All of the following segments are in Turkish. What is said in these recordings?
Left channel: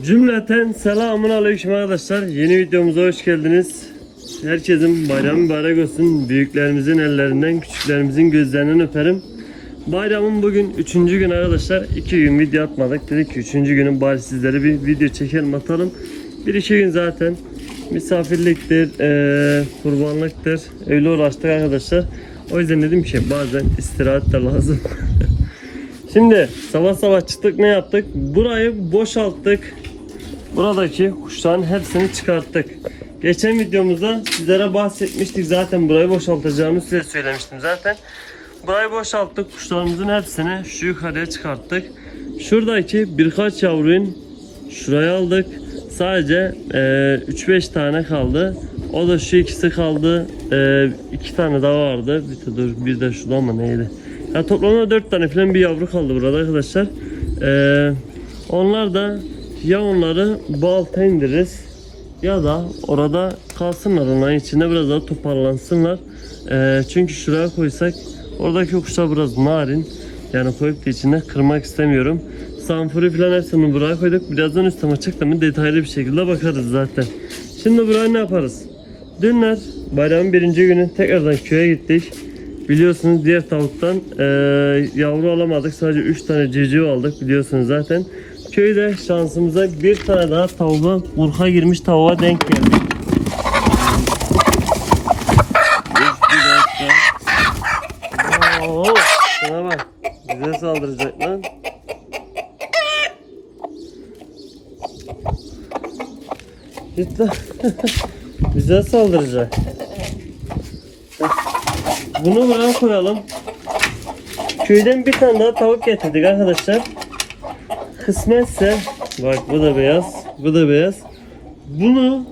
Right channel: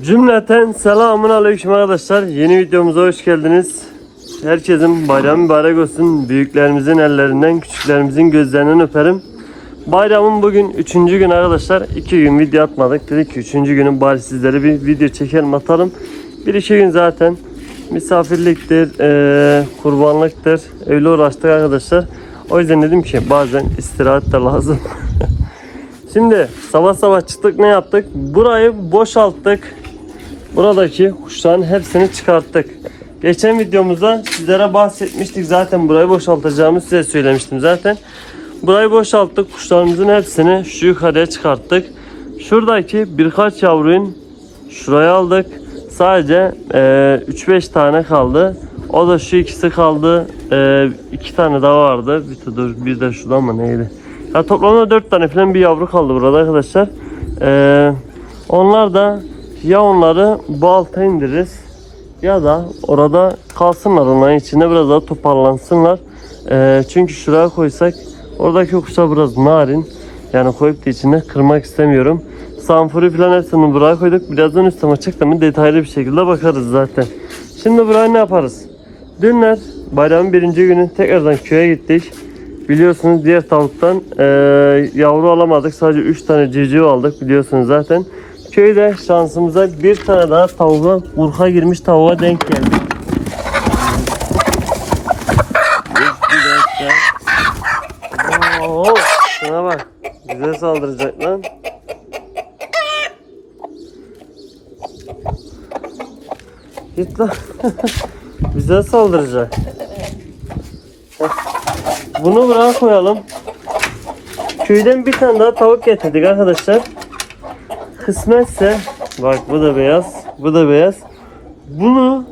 Cümleten selamun aleyküm arkadaşlar. Yeni videomuza hoş geldiniz. Herkesin bayramı mübarek olsun. Büyüklerimizin ellerinden, küçüklerimizin gözlerinden öperim. Bayramın bugün 3. gün arkadaşlar. 2 gün video atmadık. Dedik ki 3. günün bari sizlere bir video çekelim atalım. 1-2 gün zaten misafirliktir, eee, kurbanlıktır. Öyle uğraştık arkadaşlar. O yüzden dedim ki bazen istirahat de lazım. Şimdi sabah sabah çıktık ne yaptık? Burayı boşalttık. Buradaki kuşların hepsini çıkarttık. Geçen videomuzda sizlere bahsetmiştik zaten burayı boşaltacağımı size söylemiştim zaten. Burayı boşalttık. Kuşlarımızın hepsini şu yukarıya çıkarttık. Şuradaki birkaç yavruyun şuraya aldık. Sadece eee, 3-5 tane kaldı. O da şu ikisi kaldı. Eee, iki tane daha vardı. Bir, dur, bir de şurada mı neydi? Ya toplamda 4 tane falan bir yavru kaldı burada arkadaşlar. Eee, onlar da ya onları bu alta indiririz ya da orada kalsınlar onların içinde biraz daha toparlansınlar. Eee, çünkü şuraya koysak oradaki kuşlar biraz narin. Yani koyup da içinde kırmak istemiyorum. Sanfuri falan hepsini buraya koyduk. Birazdan üstüme çıktı mı detaylı bir şekilde bakarız zaten. Şimdi buraya ne yaparız? Dünler bayramın birinci günü tekrardan köye gittik. Biliyorsunuz diğer tavuktan eee, yavru alamadık. Sadece 3 tane civciv aldık biliyorsunuz zaten. Köyde şansımıza bir tane daha tavuğa, kurka girmiş tavuğa denk dakika. Oo, şuna bak. Bize saldıracak lan. Git lan. Bize saldıracak. Bunu buraya koyalım. Köyden bir tane daha tavuk getirdik arkadaşlar. Kısmetse bak bu da beyaz, bu da beyaz. Bunu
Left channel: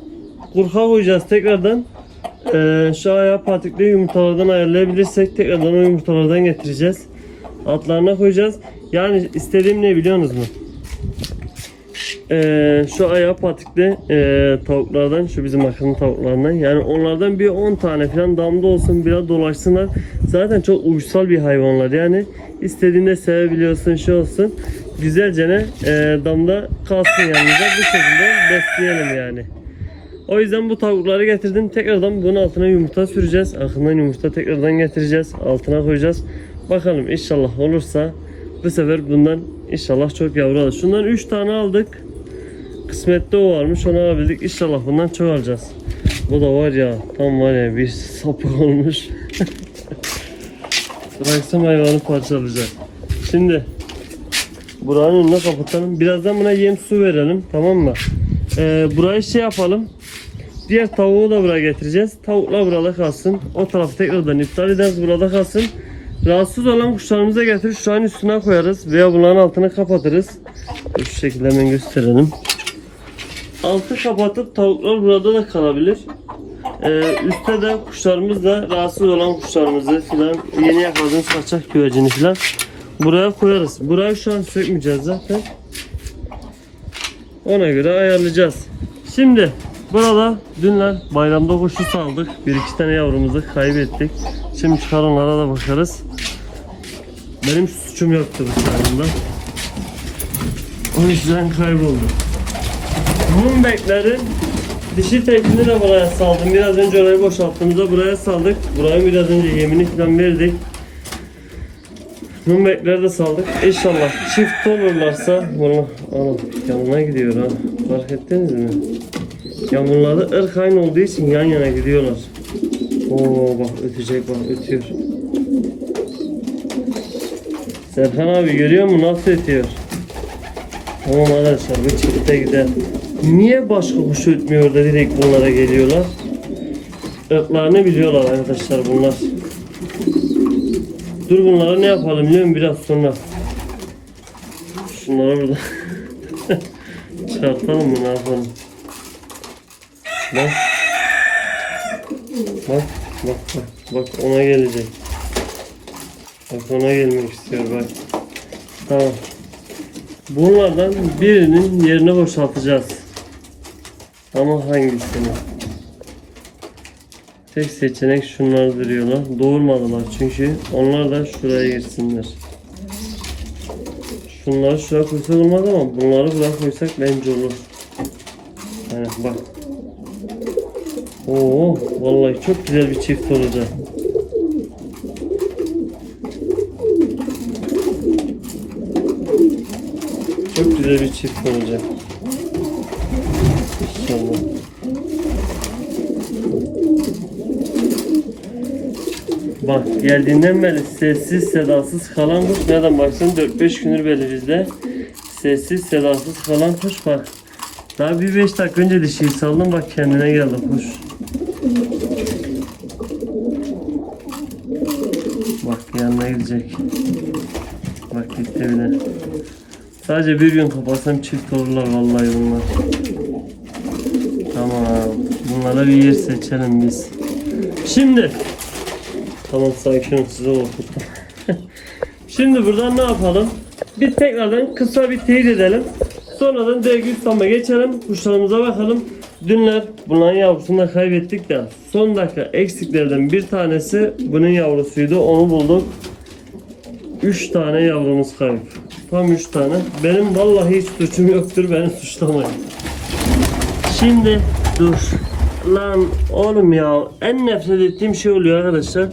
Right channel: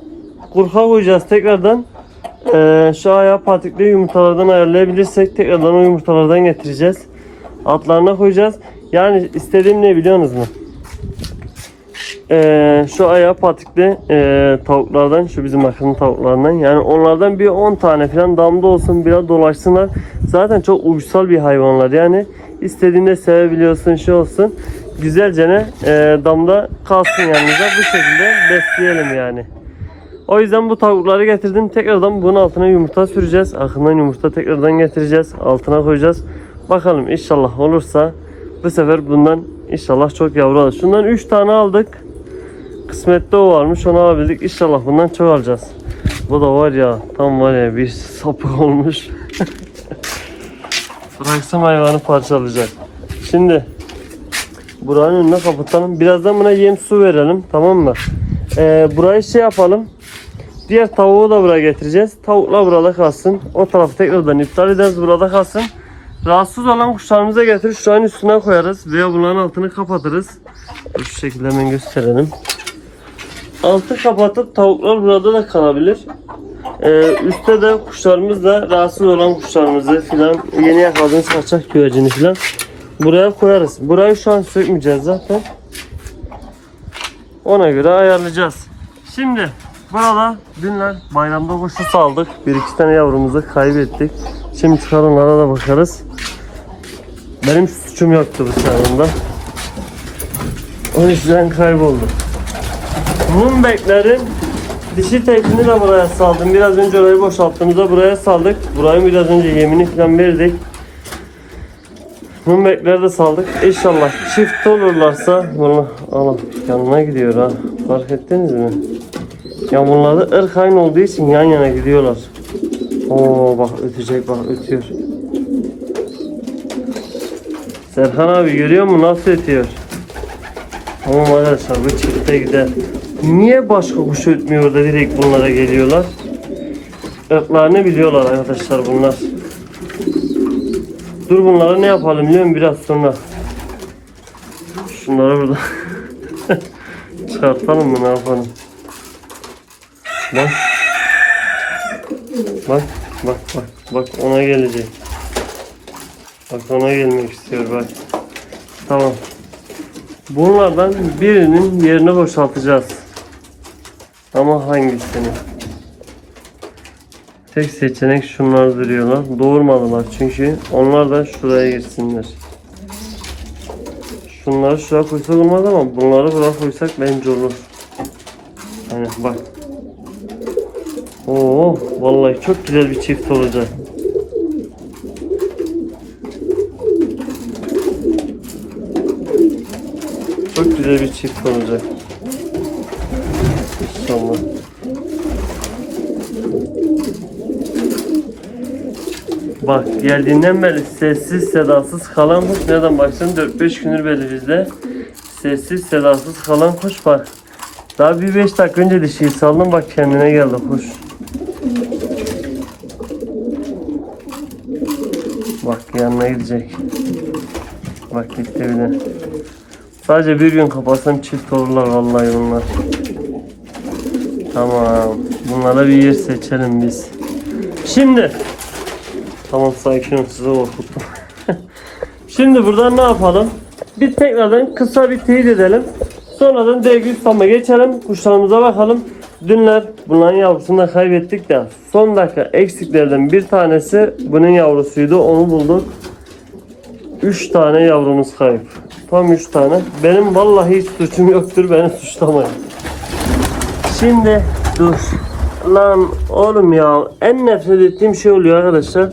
kurka koyacağız tekrardan. Ee, şu ayağı patikli yumurtalardan ayarlayabilirsek tekrardan o yumurtalardan getireceğiz. Altlarına koyacağız. Yani istediğim ne biliyorsunuz mu? Ee, şu ayağı patikli e, tavuklardan şu bizim akıllı tavuklardan yani onlardan bir 10 tane falan damda olsun biraz dolaşsınlar. Zaten çok uysal bir hayvanlar. Yani istediğinde sevebiliyorsun şey olsun. Güzelce ne e, damda kalsın yanımıza. Bu şekilde besleyelim yani. O yüzden bu tavukları getirdim. Tekrardan bunun altına yumurta süreceğiz. Akından yumurta tekrardan getireceğiz. Altına koyacağız. Bakalım inşallah olursa bu sefer bundan inşallah çok yavru alır. Şundan 3 tane aldık Kısmette o varmış onu alabildik. İnşallah bundan çok alacağız. Bu da var ya tam var ya bir sapık olmuş. Bıraksam hayvanı parçalayacak. Şimdi buranın önüne kapatalım. Birazdan buna yem su verelim tamam mı? Ee, burayı şey yapalım. Diğer tavuğu da buraya getireceğiz. Tavuklar burada kalsın. O tarafı tekrardan iptal ederiz. Burada kalsın. Rahatsız olan kuşlarımıza getirip şu an üstüne koyarız. Veya bunların altını kapatırız. Şu şekilde hemen gösterelim. Altı kapatıp tavuklar burada da kalabilir. Ee, üstte de kuşlarımız da rahatsız olan kuşlarımızı filan yeni yakaladığımız kaçak güvercini filan buraya koyarız. Burayı şu an sökmeyeceğiz zaten. Ona göre ayarlayacağız. Şimdi burada dünler bayramda kuşu saldık. Bir iki tane yavrumuzu kaybettik. Şimdi çıkar da bakarız. Benim suçum yoktu bu çağrımda. O yüzden kayboldu. Mumbeklerin dişi tekini de buraya saldım. Biraz önce orayı boşalttığımızda buraya saldık. Burayı biraz önce yemini falan verdik. Mumbekleri de saldık. İnşallah çift olurlarsa bunu ana yanına gidiyor ha. Fark ettiniz mi? Ya bunlar da ırk aynı olduğu için yan yana gidiyorlar. Oo bak ötecek bak ötüyor. Serkan abi görüyor musun nasıl ötüyor? Tamam arkadaşlar bu çifte gider. Niye başka kuş ötmüyor da direkt bunlara geliyorlar? Irklarını biliyorlar arkadaşlar bunlar. Dur bunları ne yapalım biliyor musun biraz sonra? Şunları burada çıkartalım mı ne yapalım? Bak. Bak bak bak bak ona gelecek. Bak ona gelmek istiyor bak. Tamam. Bunlardan birinin yerini boşaltacağız. Ama hangisini? Tek seçenek şunlar duruyorlar. Doğurmadılar çünkü onlar da şuraya girsinler. Şunları şuraya koysak olmaz ama bunları buraya koysak bence olur. Hani bak. Oo, vallahi çok güzel bir çift olacak. Çok güzel bir çift olacak. İnşallah. Bak geldiğinden beri sessiz sedasız kalan kuş nereden baksın 4-5 gündür belli bizde. Sessiz sedasız kalan kuş bak. Daha bir 5 dakika önce dişiyi saldım bak kendine geldi kuş. Bak yanına gidecek. Bak gitti bile. Sadece bir gün kapatsam çift olurlar vallahi bunlar. Tamam. Bunlara bir yer seçelim biz. Şimdi Tamam sakin ol size korkuttum. Şimdi buradan ne yapalım? Bir tekrardan kısa bir teyit edelim. Sonradan dergi ustama geçelim. Kuşlarımıza bakalım. Dünler bunların yavrusunu da kaybettik de son dakika eksiklerden bir tanesi bunun yavrusuydu. Onu bulduk. 3 tane yavrumuz kayıp. Tam 3 tane. Benim vallahi hiç suçum yoktur. Beni suçlamayın. Şimdi dur. Lan oğlum ya en nefret ettiğim şey oluyor arkadaşlar.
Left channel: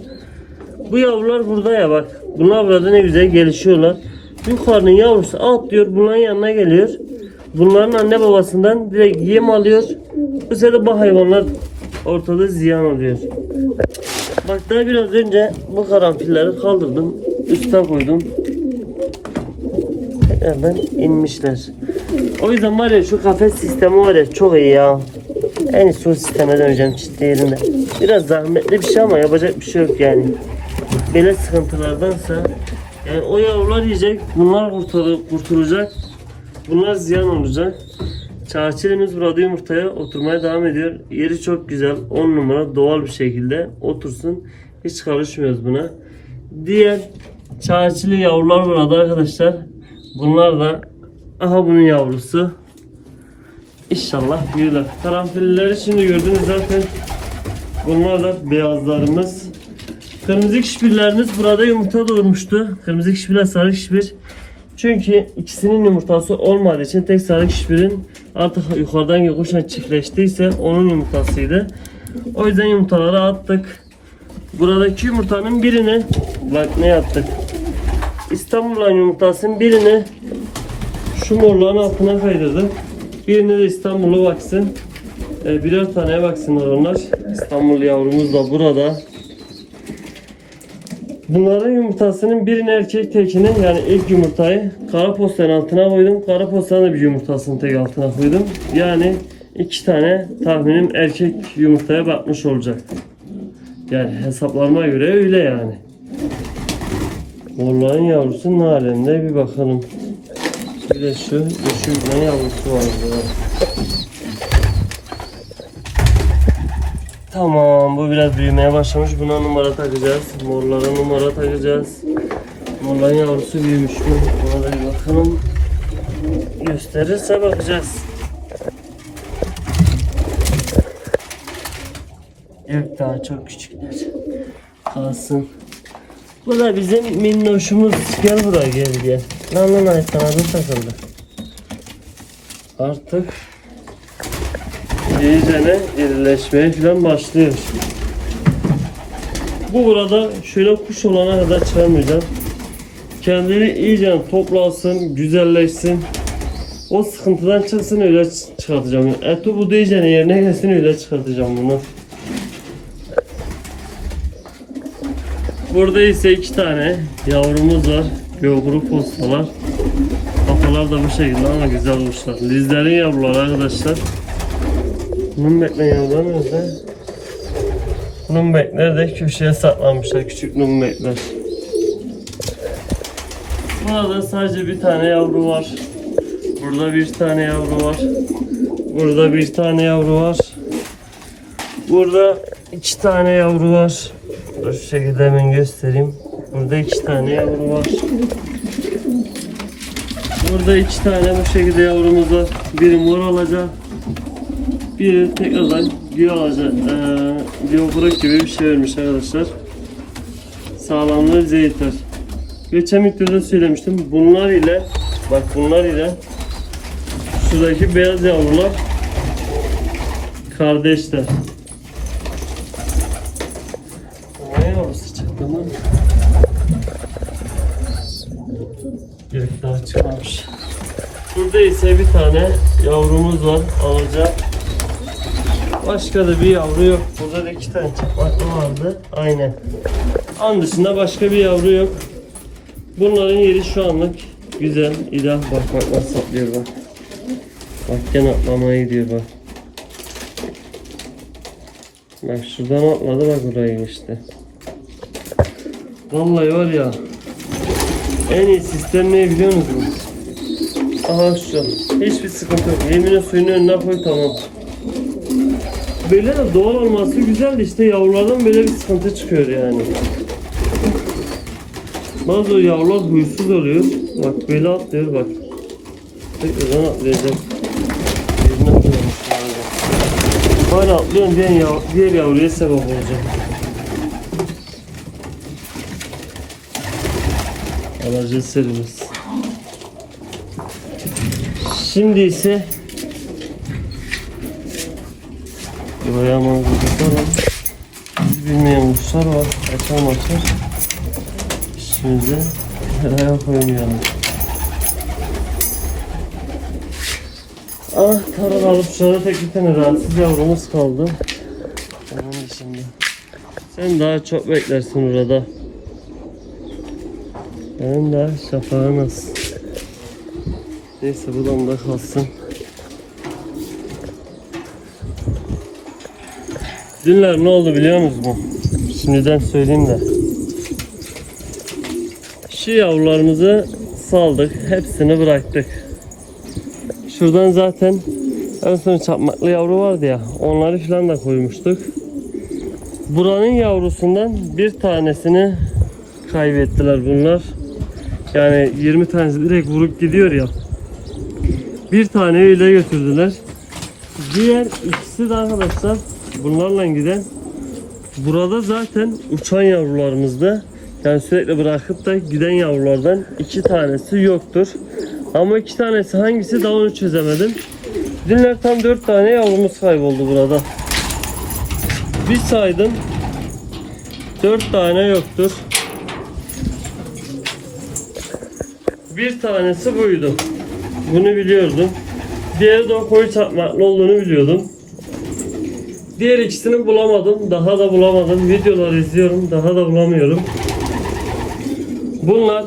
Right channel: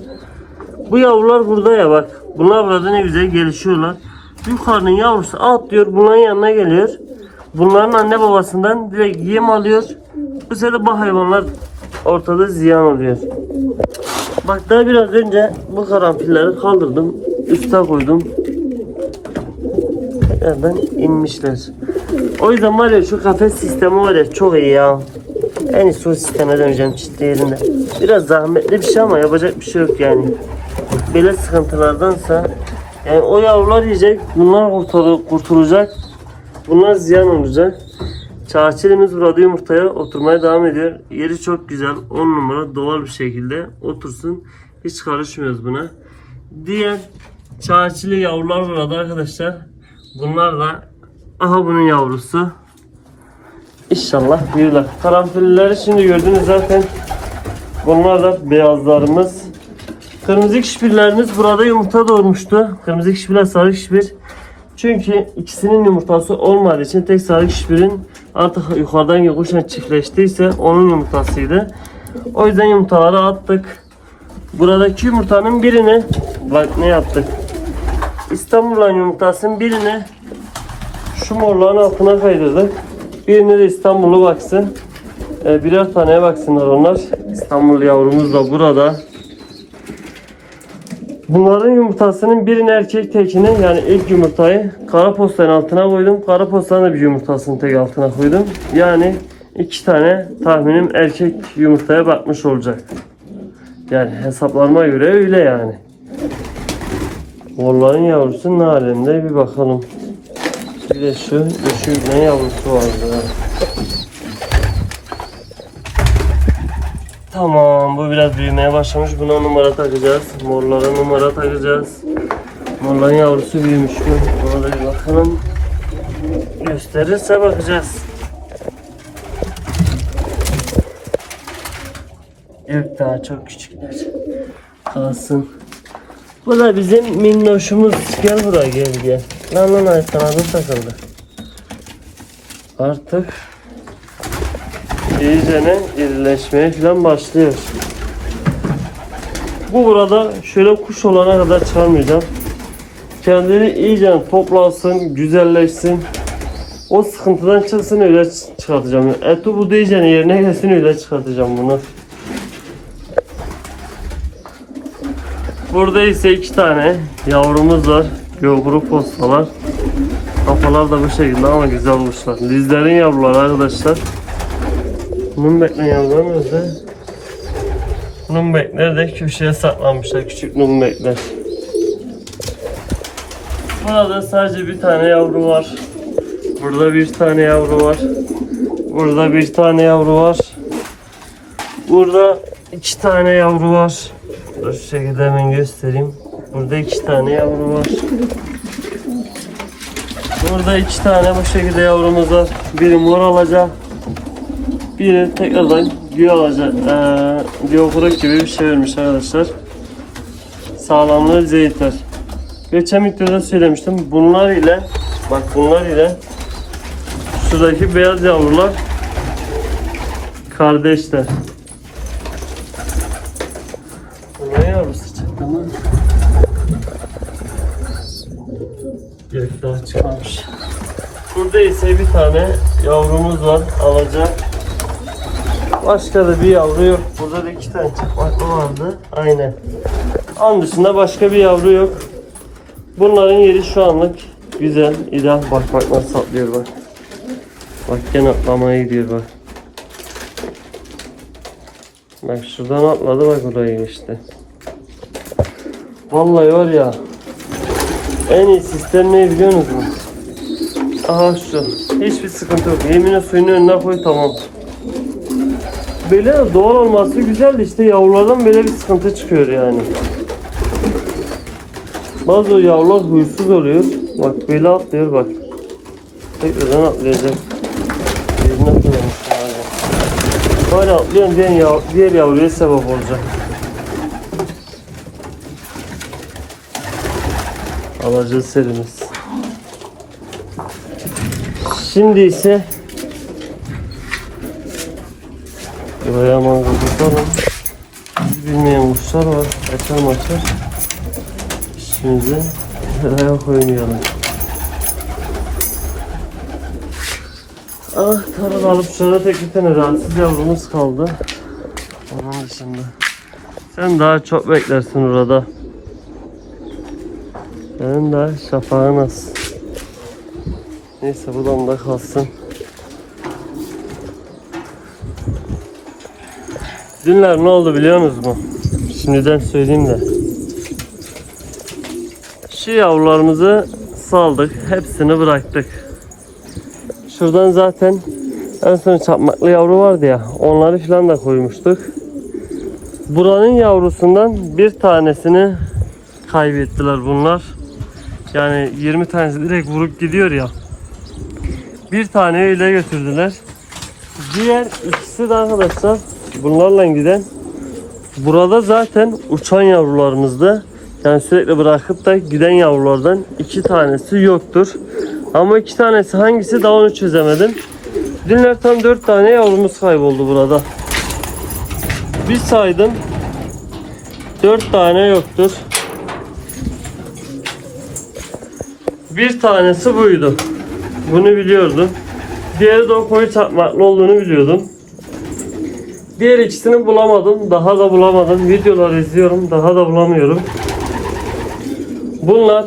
Bu yavrular burada ya bak. Bunlar burada ne güzel gelişiyorlar. Yukarının yavrusu atlıyor bunların yanına geliyor. Bunların anne babasından direkt yem alıyor. Bu sefer bu hayvanlar ortada ziyan oluyor. Bak daha biraz önce bu karanfilleri kaldırdım. Üste koydum. Nereden inmişler. O yüzden var ya şu kafes sistemi var ya çok iyi ya. En iyisi o sisteme döneceğim ciddi yerine. Biraz zahmetli bir şey ama yapacak bir şey yok yani. Böyle sıkıntılardansa yani o yavrular yiyecek, bunlar kurtulacak. Bunlar ziyan olacak. Çağçilimiz burada yumurtaya oturmaya devam ediyor. Yeri çok güzel, 10 numara doğal bir şekilde otursun. Hiç karışmıyoruz buna. Diğer çağçili yavrular burada arkadaşlar. Bunlar da aha bunun yavrusu. İnşallah büyürler. Karanfilleri şimdi gördünüz zaten. Bunlar da beyazlarımız. Kırmızı kişbirlerimiz burada yumurta doğurmuştu. Kırmızı kişbirler, sarı kişbir. Çünkü ikisinin yumurtası olmadığı için tek sarı kişbirin artık yukarıdan yokuşla çiftleştiyse onun yumurtasıydı. O yüzden yumurtaları attık. Buradaki yumurtanın birini bak ne yaptık. İstanbul'un yumurtasının birini şu morların altına kaydırdık. Birini de İstanbul'u baksın. Ee, birer taneye baksınlar onlar. İstanbul yavrumuz da burada. Bunların yumurtasının birini erkek tekini yani ilk yumurtayı kara postanın altına koydum. Kara postanın da bir yumurtasını tek altına koydum. Yani iki tane tahminim erkek yumurtaya bakmış olacak. Yani hesaplarıma göre öyle yani. Morların yavrusu ne bir bakalım. Bir de şu üşüğün yavrusu vardı. Tamam bu biraz büyümeye başlamış. Buna numara takacağız. Morlara numara takacağız. Morların yavrusu büyümüş mü? Ona da bir bakalım. Gösterirse bakacağız. Yok daha çok küçükler. Kalsın. Bu da bizim minnoşumuz. Gel buraya gel gel. Lan lan ay kanadı takıldı. Artık iyicene irileşmeye falan başlıyor. Bu burada şöyle kuş olana kadar çıkarmayacağım. Kendini iyice toplansın, güzelleşsin. O sıkıntıdan çıksın öyle çıkartacağım. Eti bu iyice yerine gelsin öyle çıkartacağım bunu. Burada ise iki tane yavrumuz var. Göğguru postalar. Kafalar da bu şekilde ama güzel olmuşlar. Lizlerin yavruları arkadaşlar. Bunun bekleyen yavrular nerede? Bunun bekler de köşeye saklanmışlar. Küçük numbekler. Burada sadece bir tane yavru var. Burada bir tane yavru var. Burada bir tane yavru var. Burada iki tane yavru var. Dur şu şekilde hemen göstereyim. Burada iki tane yavru var. Burada iki tane bu şekilde yavrumuz var. Biri mor alacak. Biri tekrardan güya alacak. Ee, biyokuruk gibi bir şey vermiş arkadaşlar. Sağlamlığı bize yeter. Geçen videoda söylemiştim. Bunlar ile Bak bunlar ile şuradaki beyaz yavrular kardeşler. Ne yavrusu çıktı mı? Çıkmamış. Burada ise bir tane yavrumuz var alacak. Başka da bir yavru yok. Burada da iki tane çapaklı vardı. Aynen. An dışında başka bir yavru yok. Bunların yeri şu anlık güzel, ideal. Bak bak nasıl atlıyor bak. Bak gene atlamaya gidiyor bak. Bak şuradan atladı bak buraya geçti. Vallahi var ya en iyi sistem ne biliyor musunuz? Aha şu. Hiçbir sıkıntı yok. Yemini suyunu önüne koy tamam. Böyle de doğal olması güzel de işte yavrulardan böyle bir sıkıntı çıkıyor yani. Bazı yavrular huysuz oluyor. Bak böyle atlıyor bak. Tekrardan atlayacak. Yerine yani. Böyle atlıyorum diğer, yav diğer yavruya sebep olacak. Alacağız serimiz. Şimdi ise Buraya mangıldıklar var. Bilmeyen kuşlar var. Açar maçar. İşimize buraya koymayalım. Ah tarla alıp şurada tek bir tane rahatsız yavrumuz kaldı. Onun dışında. Sen daha çok beklersin orada. Benim daha şafağın az. Neyse bu damda kalsın. Dünler ne oldu biliyor musunuz mu? Şimdiden söyleyeyim de. Şu yavrularımızı saldık. Hepsini bıraktık. Şuradan zaten en son çapmaklı yavru vardı ya. Onları falan da koymuştuk. Buranın yavrusundan bir tanesini kaybettiler bunlar. Yani 20 tanesi direkt vurup gidiyor ya. Bir tane öyle götürdüler. Diğer ikisi de arkadaşlar bunlarla giden burada zaten uçan yavrularımızdı. Yani sürekli bırakıp da giden yavrulardan iki tanesi yoktur. Ama iki tanesi hangisi daha onu çözemedim. Dünler tam dört tane yavrumuz kayboldu burada. Bir saydım. Dört tane yoktur. Bir tanesi buydu. Bunu biliyordum. Diğeri de o koyu çarpmaklı olduğunu biliyordum. Diğer ikisini bulamadım. Daha da bulamadım. Videolar izliyorum. Daha da bulamıyorum. Bunlar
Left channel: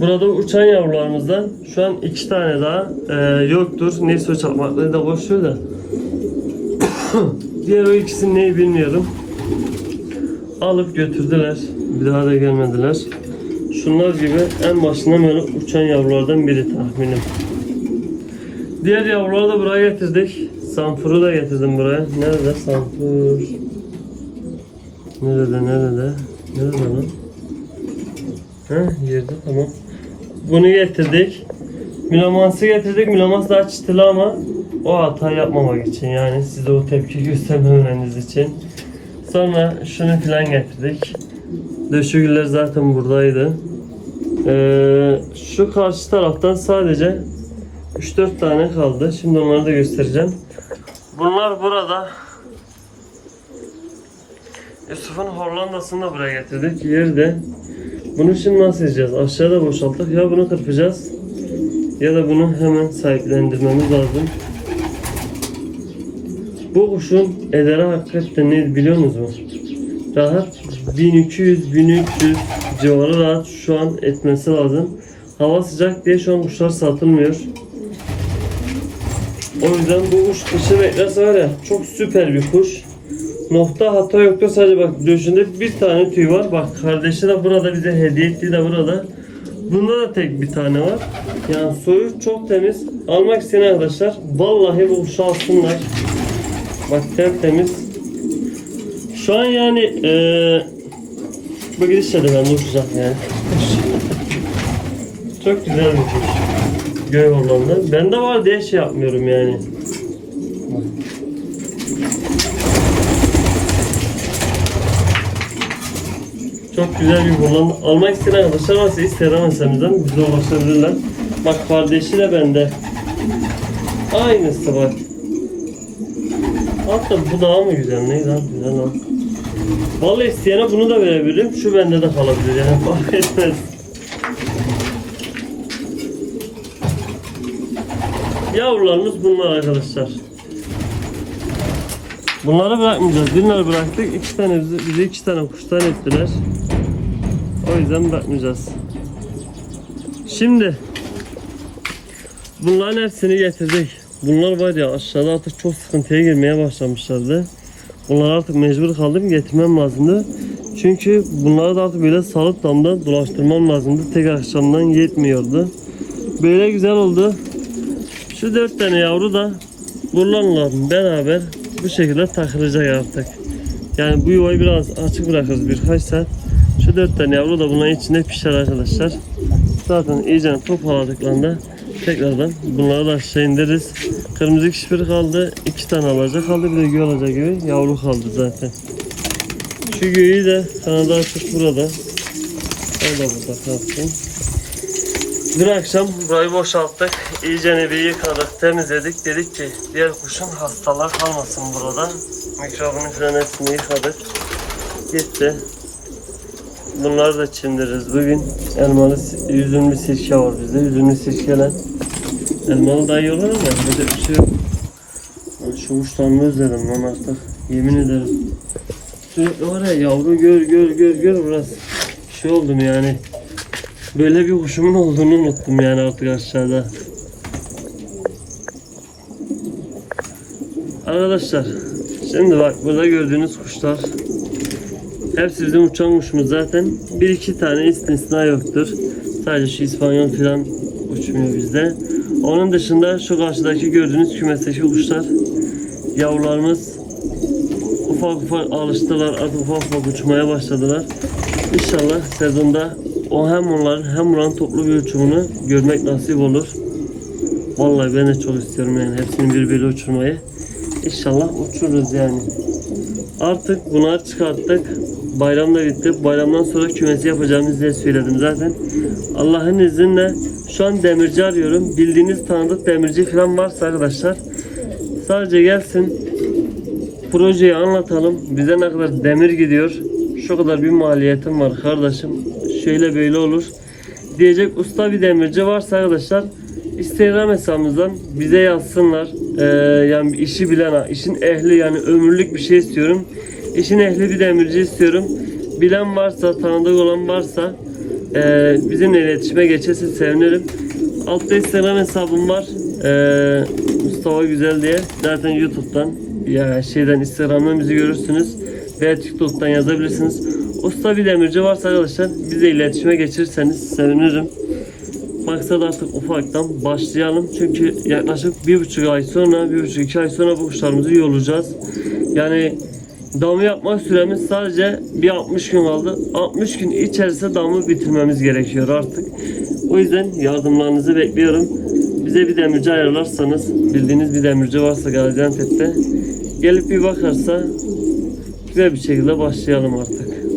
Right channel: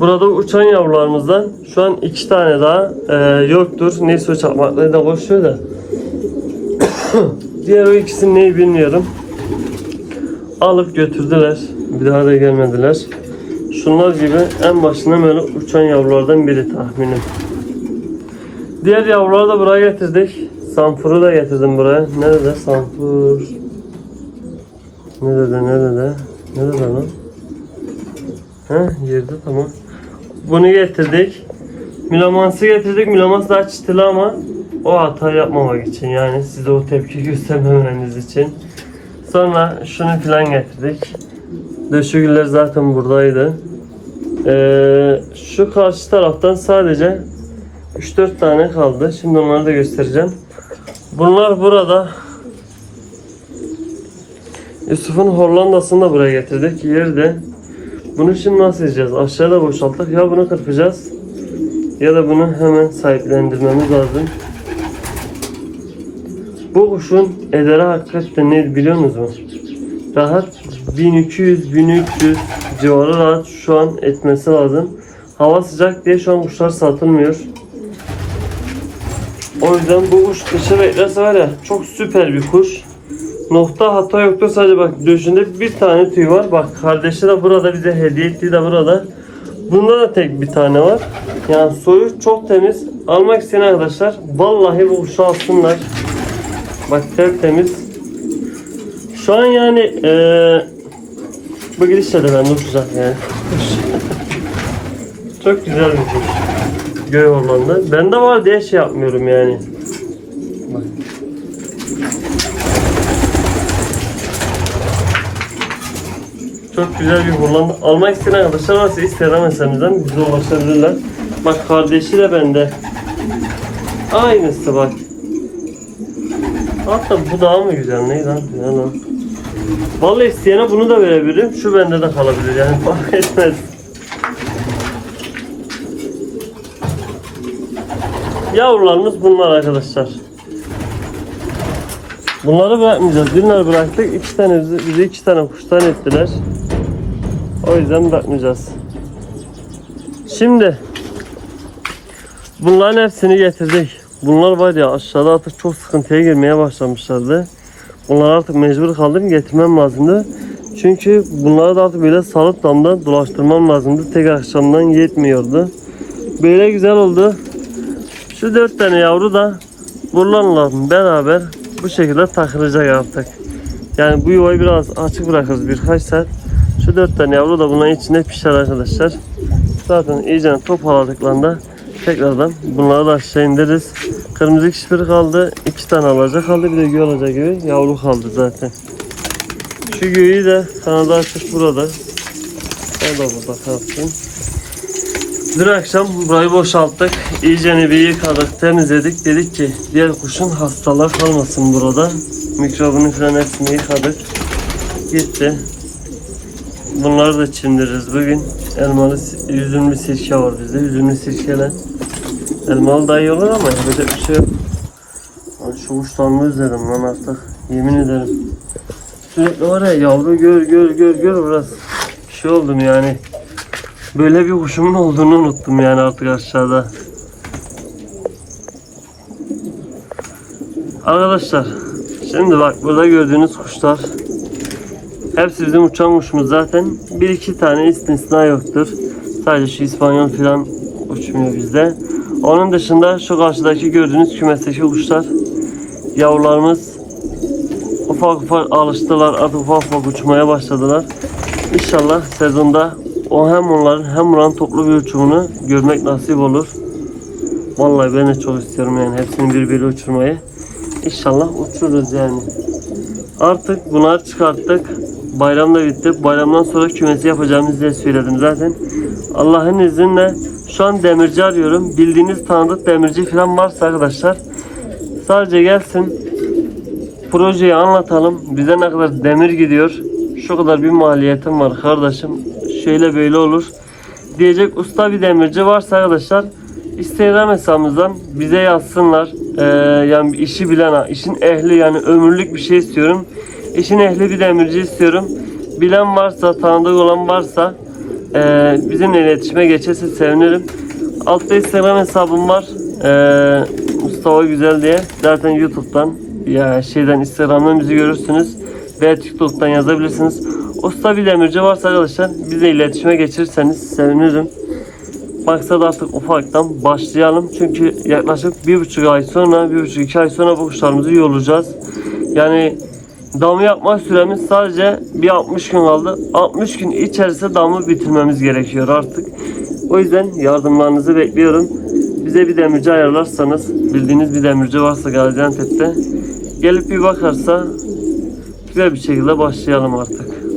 burada uçan yavrularımızdan şu an iki tane daha e, yoktur. Neyse o çarpmakları da boş ver de. Diğer o ikisini neyi bilmiyorum. Alıp götürdüler. Bir daha da gelmediler. Şunlar gibi en başından böyle uçan yavrulardan biri tahminim. Diğer yavruları da buraya getirdik. Sanfuru da getirdim buraya. Nerede sanfur? Nerede nerede? Nerede lan? Heh yerde tamam. Bunu getirdik. Milamansı getirdik. Milamans daha çıtılı ama o hata yapmamak için yani size o tepki göstermemeniz için. Sonra şunu filan getirdik. Döşegüller zaten buradaydı. Ee, şu karşı taraftan sadece 3-4 tane kaldı. Şimdi onları da göstereceğim. Bunlar burada. Yusuf'un Hollanda'sını da buraya getirdik. Yerde. Bunu şimdi nasıl yiyeceğiz? Aşağıda boşalttık. Ya bunu kırpacağız ya da bunu hemen sahiplendirmemiz lazım. Bu kuşun ederi hakikaten ne biliyor musunuz? Rahat 1200-1300 civarı rahat şu an etmesi lazım. Hava sıcak diye şu an kuşlar satılmıyor. O yüzden bu kuş kışı beklerse var ya çok süper bir kuş. Nokta hata yoktur sadece bak döşünde bir tane tüy var. Bak kardeşi de burada bize hediye ettiği de burada. Bunda da tek bir tane var. Yani soyu çok temiz. Almak isteyen arkadaşlar vallahi bu kuşu alsınlar. Bak tertemiz. Şu an yani eee bu gidişle de ben uçacak yani. çok güzel bir kuş. Göğe Hollanda. Bende var diye şey yapmıyorum yani. Çok güzel bir Hollanda. Almak isteyen arkadaşlar varsa Instagram hesabımızdan bize ulaşabilirler. Bak kardeşi de bende. Aynısı bak. Hatta bu daha mı güzel? Ne lan? Ne lan? Vallahi isteyene bunu da verebilirim. Şu bende de kalabilir yani fark etmez. Yavrularımız bunlar arkadaşlar. Bunları bırakmayacağız. Birine bıraktık. iki tane bizi, bizi iki tane kuştan ettiler. O yüzden bırakmayacağız. Şimdi bunların hepsini getirdik. Bunlar var ya aşağıda artık çok sıkıntıya girmeye başlamışlardı. Bunlar artık mecbur kaldım getirmem lazımdı. Çünkü bunları da artık böyle salıp damda dolaştırmam lazımdı. Tek akşamdan yetmiyordu. Böyle güzel oldu. Şu dört tane yavru da bunlarla beraber bu şekilde takılacak artık. Yani bu yuvayı biraz açık bırakırız birkaç saat. Şu dört tane yavru da bunların içinde pişer arkadaşlar. Zaten iyice toparladıklarında tekrardan bunları da aşağı indiririz. Kırmızı kişpir kaldı. iki tane alacak kaldı. Bir de göğe alacak gibi yavru kaldı zaten. Şu göğü de kanadı açık burada. O da burada kalsın. Dün akşam burayı boşalttık. İyice bir yıkadık, temizledik. Dedik ki diğer kuşun hastalar kalmasın burada. Mikrobunu falan hepsini yıkadık. Gitti. Bunları da çimdiririz bugün. Elmalı, üzümlü sirke var bizde. Üzümlü sirkeyle. Elmalı daha iyi olur ama yapacak bir şey yok. Şu kuşlarımı özledim lan artık. Yemin ederim. Sürekli var ya yavru gör gör gör gör biraz şey oldum yani. Böyle bir kuşumun olduğunu unuttum yani artık aşağıda. Arkadaşlar şimdi bak burada gördüğünüz kuşlar hepsi bizim uçan kuşumuz zaten. Bir iki tane istisna yoktur. Sadece şu İspanyol falan uçmuyor bizde. Onun dışında şu karşıdaki gördüğünüz kümesteki kuşlar yavrularımız ufak ufak alıştılar artık ufak ufak uçmaya başladılar. İnşallah sezonda o hem onların hem buranın toplu bir uçumunu görmek nasip olur. Vallahi ben de çok istiyorum yani hepsini birbiriyle uçurmayı. İnşallah uçururuz yani. Artık bunları çıkarttık. Bayram da bitti. Bayramdan sonra kümesi yapacağımızı diye söyledim zaten. Allah'ın izniyle şu an demirci arıyorum. Bildiğiniz tanıdık demirci falan varsa arkadaşlar sadece gelsin projeyi anlatalım. Bize ne kadar demir gidiyor. Şu kadar bir maliyetim var kardeşim. Şöyle böyle olur. Diyecek usta bir demirci varsa arkadaşlar Instagram hesabımızdan bize yazsınlar. Ee, yani işi bilen, işin ehli yani ömürlük bir şey istiyorum. İşin ehli bir demirci istiyorum. Bilen varsa, tanıdık olan varsa ee, bizimle iletişime geçerse sevinirim. Altta Instagram hesabım var. Ee, Mustafa Güzel diye. Zaten YouTube'dan ya şeyden Instagram'dan bizi görürsünüz. Veya TikTok'tan yazabilirsiniz. Usta bir demirci varsa arkadaşlar bize iletişime geçirseniz sevinirim. Maksat artık ufaktan başlayalım. Çünkü yaklaşık bir buçuk ay sonra, bir buçuk iki ay sonra bu kuşlarımızı yollayacağız. Yani damı yapma süremiz sadece bir 60 gün kaldı. 60 gün içerisinde damı bitirmemiz gerekiyor artık. O yüzden yardımlarınızı bekliyorum. Bize bir demirci ayarlarsanız, bildiğiniz bir demirci varsa Gaziantep'te gelip bir bakarsa güzel bir şekilde başlayalım artık.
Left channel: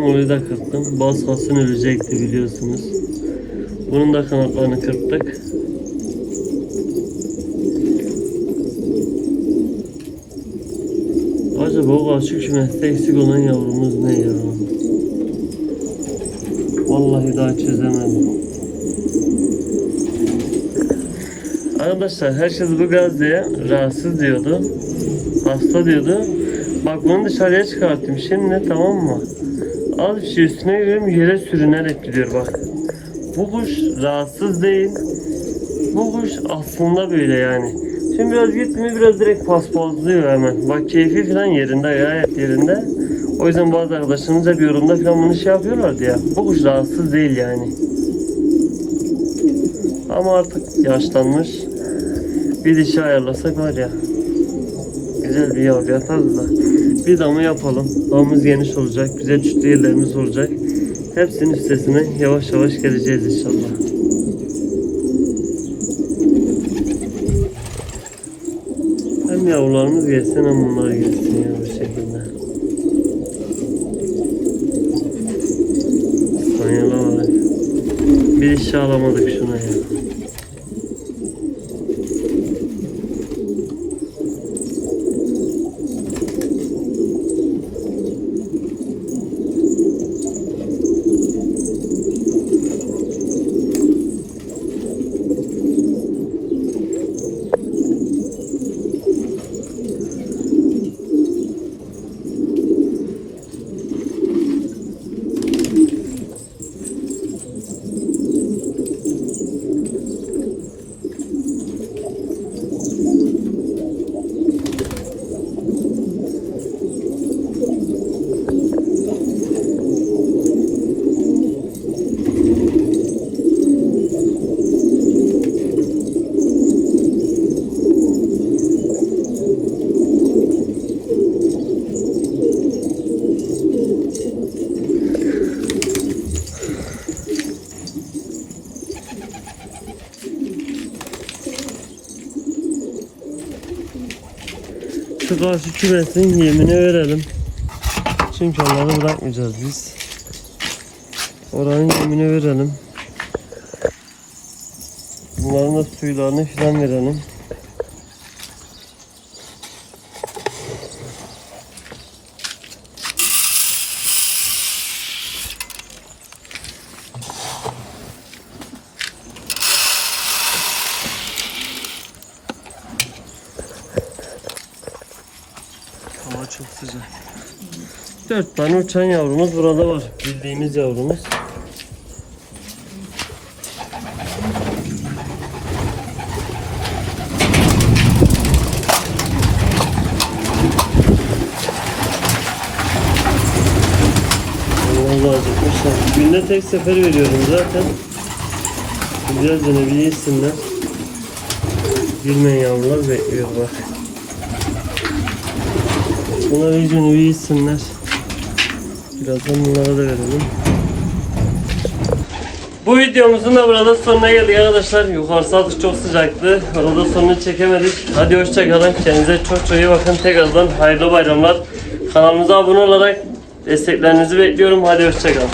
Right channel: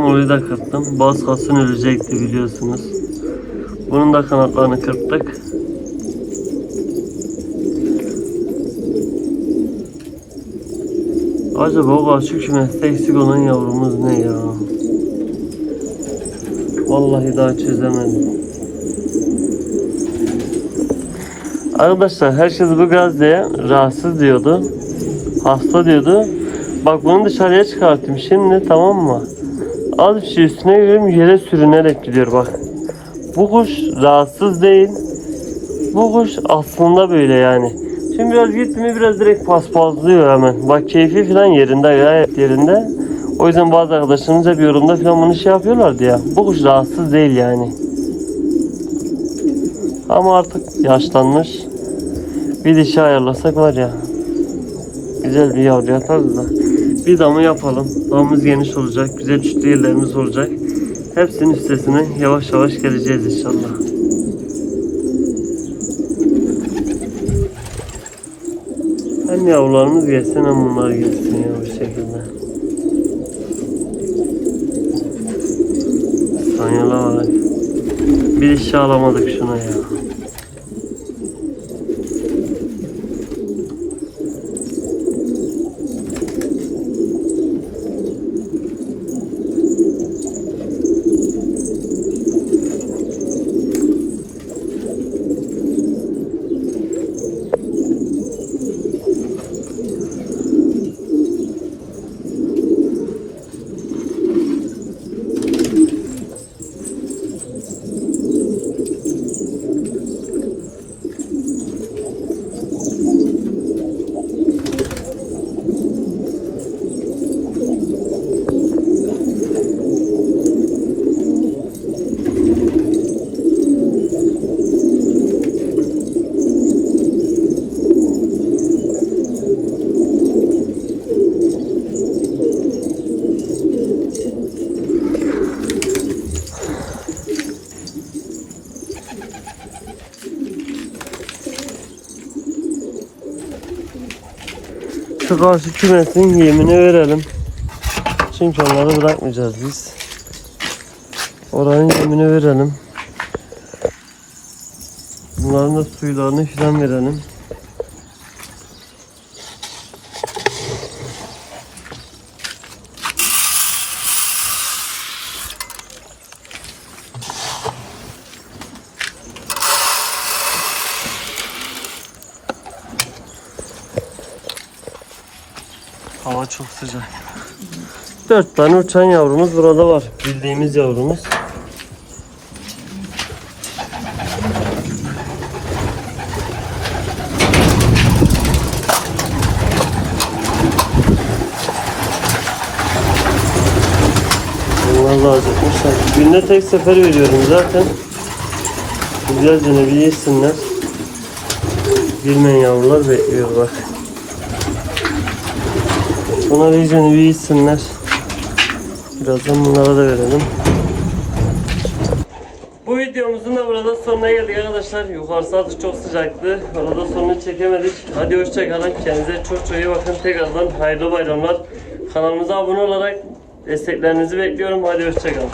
İstanbul'u da kırptım. Bazkasın ölecekti biliyorsunuz. Bunun da kanatlarını kırptık. Acaba o karşı kümeste eksik olan yavrumuz ne ya? Vallahi daha çözemedim. Arkadaşlar herkes bu Gazze'ye rahatsız diyordu. Hasta diyordu. Bak bunu dışarıya çıkarttım şimdi tamam mı? Az bir şey üstüne görüyorum yere sürünerek gidiyor bak. Bu kuş rahatsız değil. Bu kuş aslında böyle yani. Şimdi biraz gitti biraz direkt paspazlıyor hemen. Bak keyfi falan yerinde gayet yerinde. O yüzden bazı arkadaşlarımız hep yorumda falan bunu şey yapıyorlardı ya. Bu kuş rahatsız değil yani. Ama artık yaşlanmış. Bir dişi ayarlasak var ya. Güzel bir yavru yaparız da. Bir damı yapalım. Damımız geniş olacak. Güzel çütlü yerlerimiz olacak. Hepsinin üstesine yavaş yavaş geleceğiz inşallah. Hem yavrularımız gelsin hem bunlar gelsin ya bu şekilde. Sanyalar var. Bir işe alamadık şuna ya. Şu karşı kümesin yemini verelim. Çünkü onları bırakmayacağız biz. Oranın yemini verelim. Bunların da suylarını filan verelim. 3-4 tane uçan yavrumuz burada var. Bildiğimiz yavrumuz. Allah razı olsun. Günde tek sefer veriyorum zaten. Biraz dönebi yesinler. Girmeyen yavrular bekliyor bak. Bunlar iyice yesinler. Birazdan bunlara da verelim. Bu videomuzun da burada sonuna geldik arkadaşlar. Yukarısı artık çok sıcaktı. Orada sonunu çekemedik. Hadi hoşçakalın. Kendinize çok çok iyi bakın. Tekrardan hayırlı bayramlar. Kanalımıza abone olarak desteklerinizi bekliyorum. Hadi hoşçakalın.